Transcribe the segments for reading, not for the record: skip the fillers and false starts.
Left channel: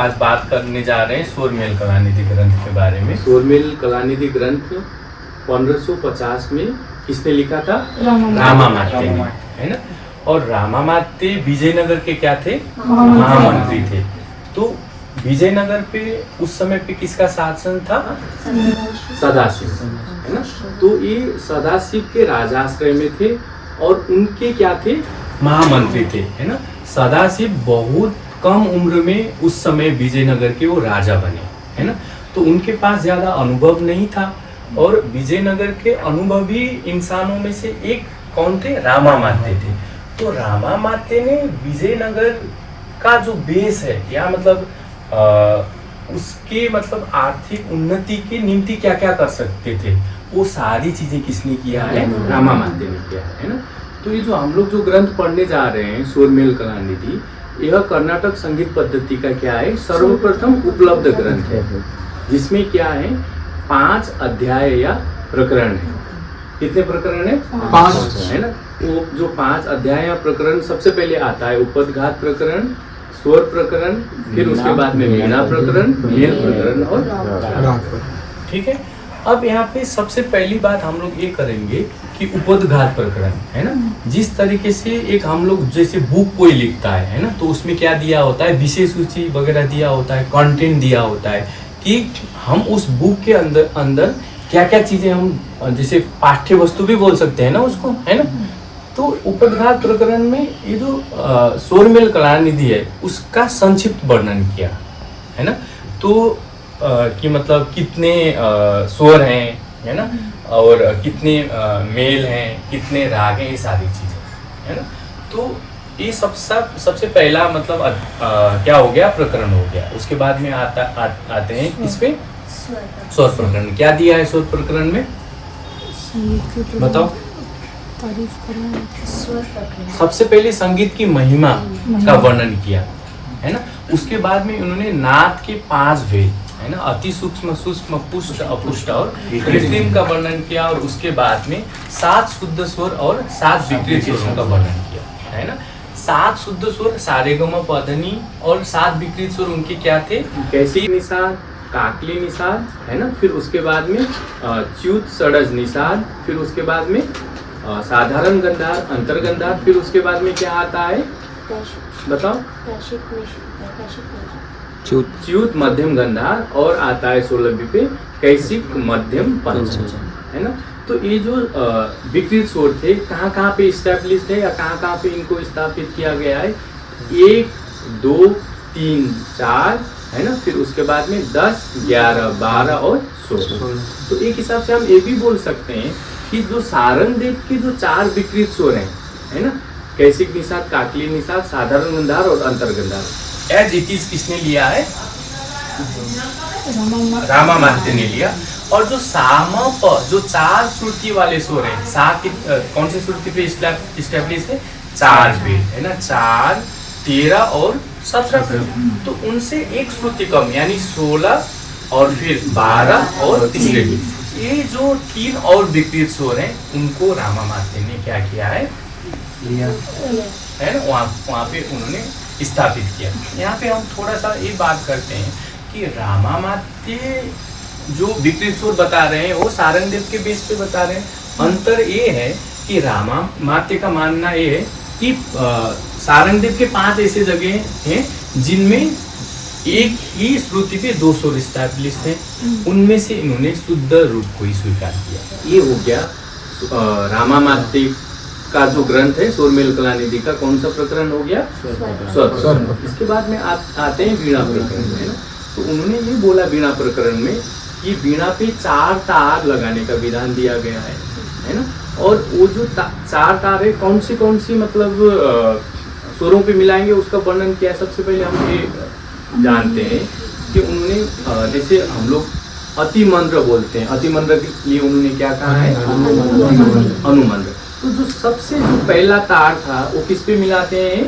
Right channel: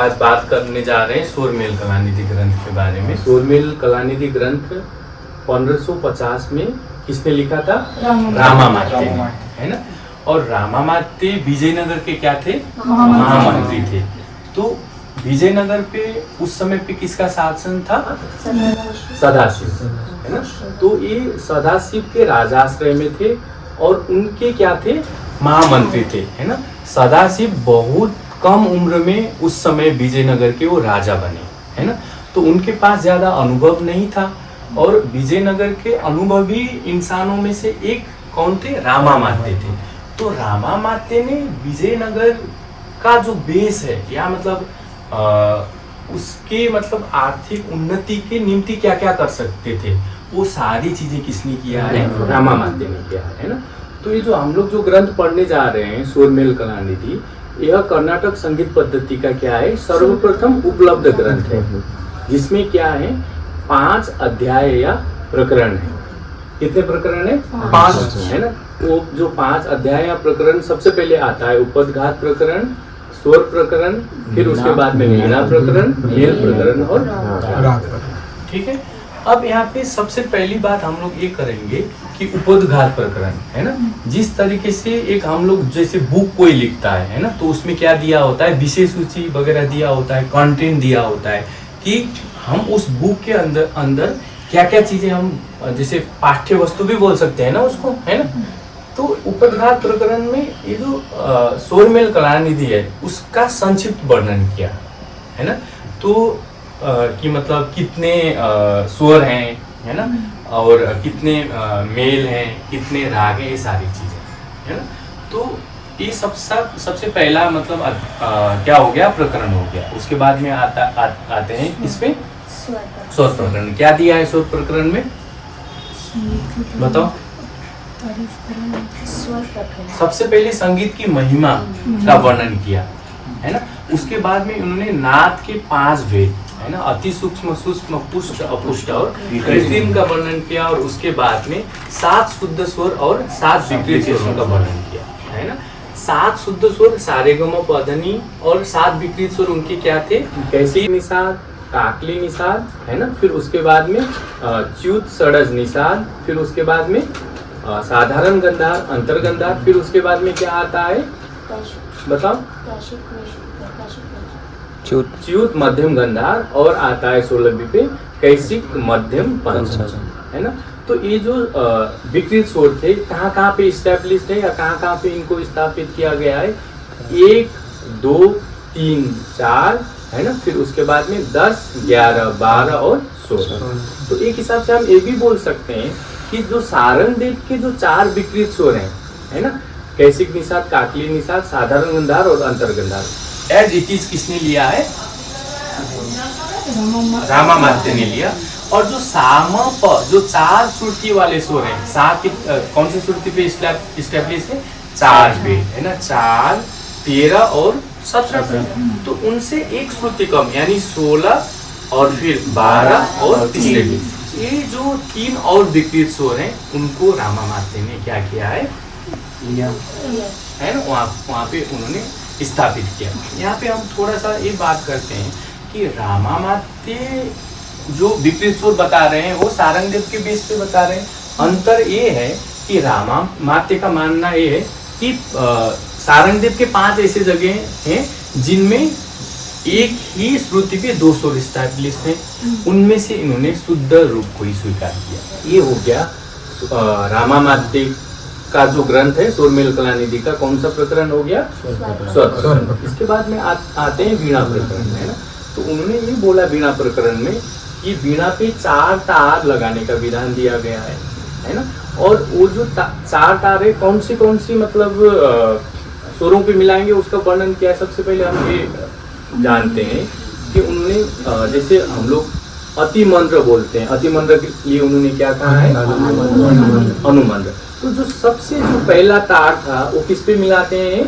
आज बात करने जा रहे हैं स्वरमेल कलानिधि ग्रंथ के बारे में। स्वरमेल कलानिधि ग्रंथ 1550 में किसने लिखा था? रामामात्य ने, है ना। और रामामात्य विजयनगर के क्या थे? महामंत्री थे। तो विजयनगर पे उस समय पे किसका शासन था? सदाशिव, है ना। तो ये सदाशिव के राजाश्रय में थे और उनके क्या थे? महामंत्री थे, है ना। सदाशिव बहुत कम उम्र में उस समय विजयनगर के वो राजा बने, है ना। तो उनके पास ज्यादा अनुभव नहीं था और विजयनगर के अनुभवी इंसानों में से एक कौन थे? रामामात्य थे। तो रामामात्य ने विजयनगर का जो बेस है या मतलब उसके मतलब आर्थिक उन्नति के निमित्त क्या क्या कर सकते थे, वो सारी चीजें किसने किया है? रामामात्य ने किया है ना। तो ये जो हम लोग जो ग्रंथ पढ़ने जा रहे हैं स्वरमेल कलानिधि, यह कर्नाटक संगीत पद्धति का क्या है? सर्वप्रथम उपलब्ध ग्रंथ है, जिसमें क्या है 5 अध्याय या प्रकरण है। कितने प्रकरण है? 5, है ना। वो जो 5 अध्याय या प्रकरण सबसे पहले आता है उपदघात प्रकरण, स्वर प्रकरण, फिर उसके बाद में वीणा प्रकरण, मेल प्रकरण और राग। ठीक है। अब यहाँ पे सबसे पहली बात हम लोग ये करेंगे कि उपदघात प्रकरण, है ना। जिस तरीके से एक हम लोग जैसे बुक कोई लिखता है ना, तो उसमें क्या दिया होता है? विषय सूची वगैरह दिया होता है, कंटेंट दिया होता है कि हम उस बुक के अंदर क्या क्या चीजें हम जैसे पाठ्य वस्तु भी बोल सकते हैं ना उसको, है ना। तो उपदघात प्रकरण में ये जो स्वरमेल कलानिधि है उसका संक्षिप्त वर्णन किया, है ना। तो कि मतलब कितने स्वर हैं, है ना, और कितने मेल हैं, कितने राग हैं, ये सारी चीजें, है ना। तो ये सबसे पहला मतलब क्या हो गया? प्रकरण हो गया। उसके बाद में आते हैं इसमें स्वर प्रकरण। क्या दिया है स्वर प्रकरण में? बताओ। सबसे पहले संगीत की महिमा का वर्णन किया, है ना। उसके बाद में उन्होंने नाद के 5 भेद, है ना, अति सूक्ष्म, सूक्ष्म, पुष्ट, अपुष्ट और कृत्रिम का वर्णन किया। और उसके बाद में 7 शुद्ध स्वर और 7 विकृत स्वरों का वर्णन किया, है ना। 7 शुद्ध स्वर सारेगम पधनी और 7 विकृत स्वर उनके क्या थे? कैसी निषाद, काकली निषाद, है ना। फिर उसके बाद में च्युत षडज निषाद, फिर उसके बाद में साधारण गंधार, अंतर्गंधार, फिर उसके बाद में क्या आता है? बताओ। च्युत मध्यम गंधार और आता है 16वीं पे कैसिक मध्यम पंचम, है ना। तो ये जो विकृत स्वर थे कहाँ कहाँ पे स्टैब्लिश्ड है या कहाँ कहाँ पे इनको स्थापित किया गया है? 1, 2, 3, 4, है ना। फिर उसके बाद में 10, 11, 12 और 16। तो एक हिसाब से हम ये भी बोल सकते हैं कि जो सारंगदेव के जो 4 विकृत स्वर हैं, है ना, कैसिक निषाद, काकली निषाद, साधारण गंधार और अंतर्गंधार, एज इट इज किसने लिया है? रामामात्य ने लिया। और जो सामा प जो 4 श्रुति वाले स्वर हैं, सा की कौन सी श्रुति पे स्टैब्लिश है? 4 पे, है ना। 4, 13 और 17 पे। तो उनसे एक श्रुति कम यानी 16 और फिर 12 और 3। ये जो 3 और विकृत स्वर हैं उनको रामामात्य ने क्या किया है? है ना, वहाँ पे उन्होंने स्थापित किया। यहाँ पे हम थोड़ा सा ये बात करते हैं कि रामामात्य जो विकृत स्वर बता रहे हैं वो सारंगदेव के बेस पे बता रहे हैं। अंतर ये है कि रामामात्य का मानना ये है कि सारंगदेव के 5 ऐसे जगह हैं जिनमें एक ही श्रुति पे 2 स्वर स्टैब्लिश्ड हैं, उनमें से इन्होंने शुद्ध रूप को ही स्वीकार किया। ये हो गया रामामात्य का जो ग्रंथ है स्वरमेल कलानिधि का कौन सा प्रकरण हो गया? स्वर। इसके बाद में आते हैं वीणा प्रकरण में, है ना। तो उन्होंने ये बोला वीणा प्रकरण में कि वीणा पे 4 तार लगाने का विधान दिया गया है ना। और वो जो 4 तार है कौन सी मतलब स्वरों पे मिलाएंगे उसका वर्णन किया। सबसे पहले हम ये जानते हैं कि उन्होंने जैसे हम लोग अतिमंद्र बोलते हैं, अतिमंद्र के लिए उन्होंने क्या कहा है? अनुमंद्र। तो जो सबसे जो पहला तार था वो किस पे मिलाते हैं?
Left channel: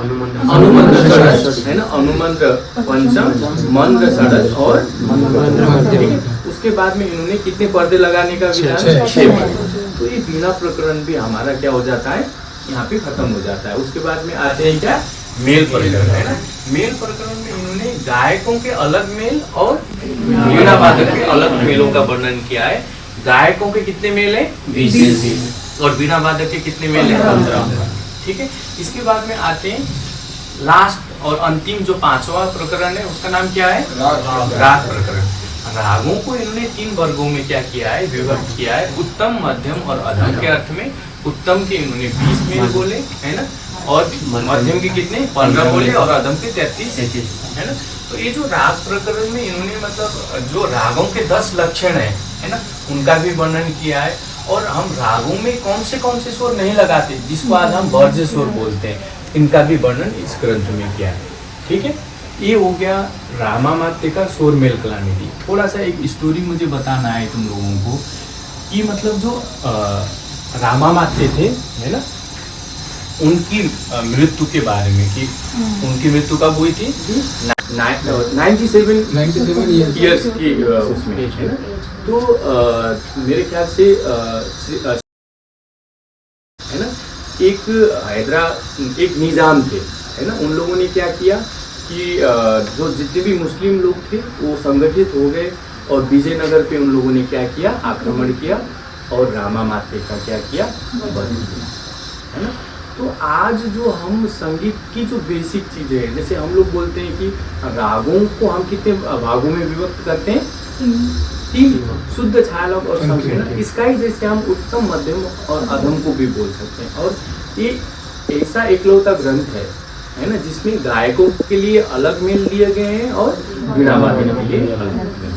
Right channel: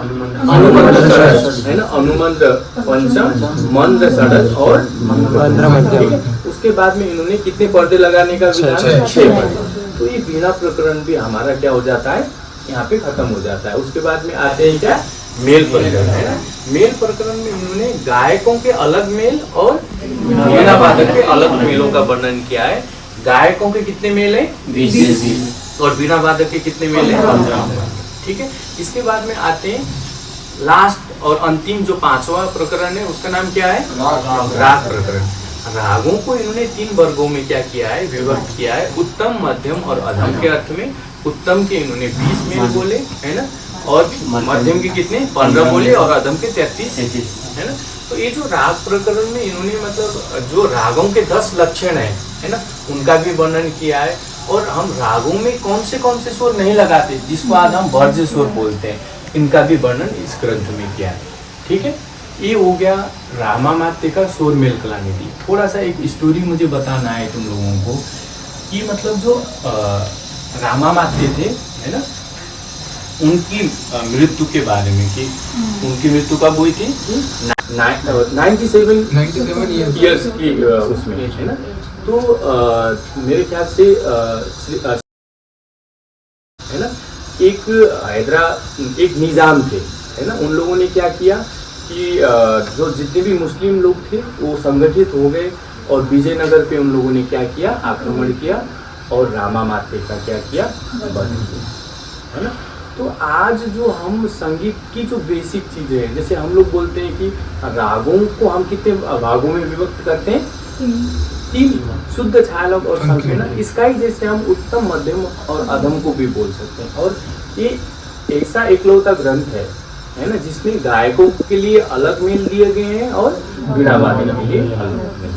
अनुमंद्र षडज, है ना। अनुमंद्र पंचम, मंद्र षडज और मंद्र मध्यम। उसके बाद में इन्होंने कितने पर्दे लगाने का विधान? 6 पर्दे। तो ये वीणा प्रकरण भी हमारा क्या हो जाता है? यहाँ पे खत्म हो जाता है। उसके बाद में आते हैं क्या? मेल प्रकरण, है ना। मेल प्रकरण में इन्होंने गायकों के अलग मेल और वीणा वादक के अलग मेलों का वर्णन किया है। गायकों के कितने मेल हैं? 20 और वीणा वादक के कितने मेल हैं? 15। ठीक है, इसके बाद में आते हैं लास्ट और अंतिम जो 5वां प्रकरण है, उसका नाम क्या है? राग प्रकरण। रागों को इन्होंने 3 वर्गों में क्या किया है? विभक्त किया है। उत्तम, मध्यम और अधम के अर्थ में। उत्तम के इन्होंने 20 मेल बोले, है ना, और मध्यम के कितने? 15 बोले, और अधम के 33, है ना। तो ये जो राग प्रकरण में इन्होंने मतलब जो रागों के 10 लक्षण है ना, उनका भी वर्णन किया है। और हम रागों में कौन से स्वर नहीं लगाते, जिसको आज हम वर्ज्य स्वर बोलते हैं, इनका भी वर्णन इस ग्रंथ में किया है। ठीक है, ये हो गया रामामात्य का स्वर मेल कलानिधि। थोड़ा सा एक स्टोरी मुझे बताना है तुम लोगों को कि मतलब जो रामामात्य थे, है ना, उनकी मृत्यु के बारे में कि उनकी मृत्यु कब हुई थी? 97 ईयर्स की उसमें, है ना। तो मेरे ख्याल से है ना, एक निजाम थे, है ना, उन लोगों ने क्या किया कि जो जितने भी मुस्लिम लोग थे वो संगठित हो गए और विजयनगर पे उन लोगों ने क्या किया? आक्रमण किया और रामामात्य का क्या किया? वध किया, है ना। तो आज जो हम संगीत की जो बेसिक चीजें हैं, जैसे हम लोग बोलते हैं कि रागों को हम कितने भागों में विभक्त करते हैं? 3, शुद्ध, छायालग और संकीर्ण। इसका ही जैसे हम उत्तम, मध्यम और अधम को भी बोल सकते हैं। और ये ऐसा एकलौता ग्रंथ है ना, जिसमें गायकों के लिए अलग मेल दिए गए हैं और वीणा वादन के लिए अलग मेल।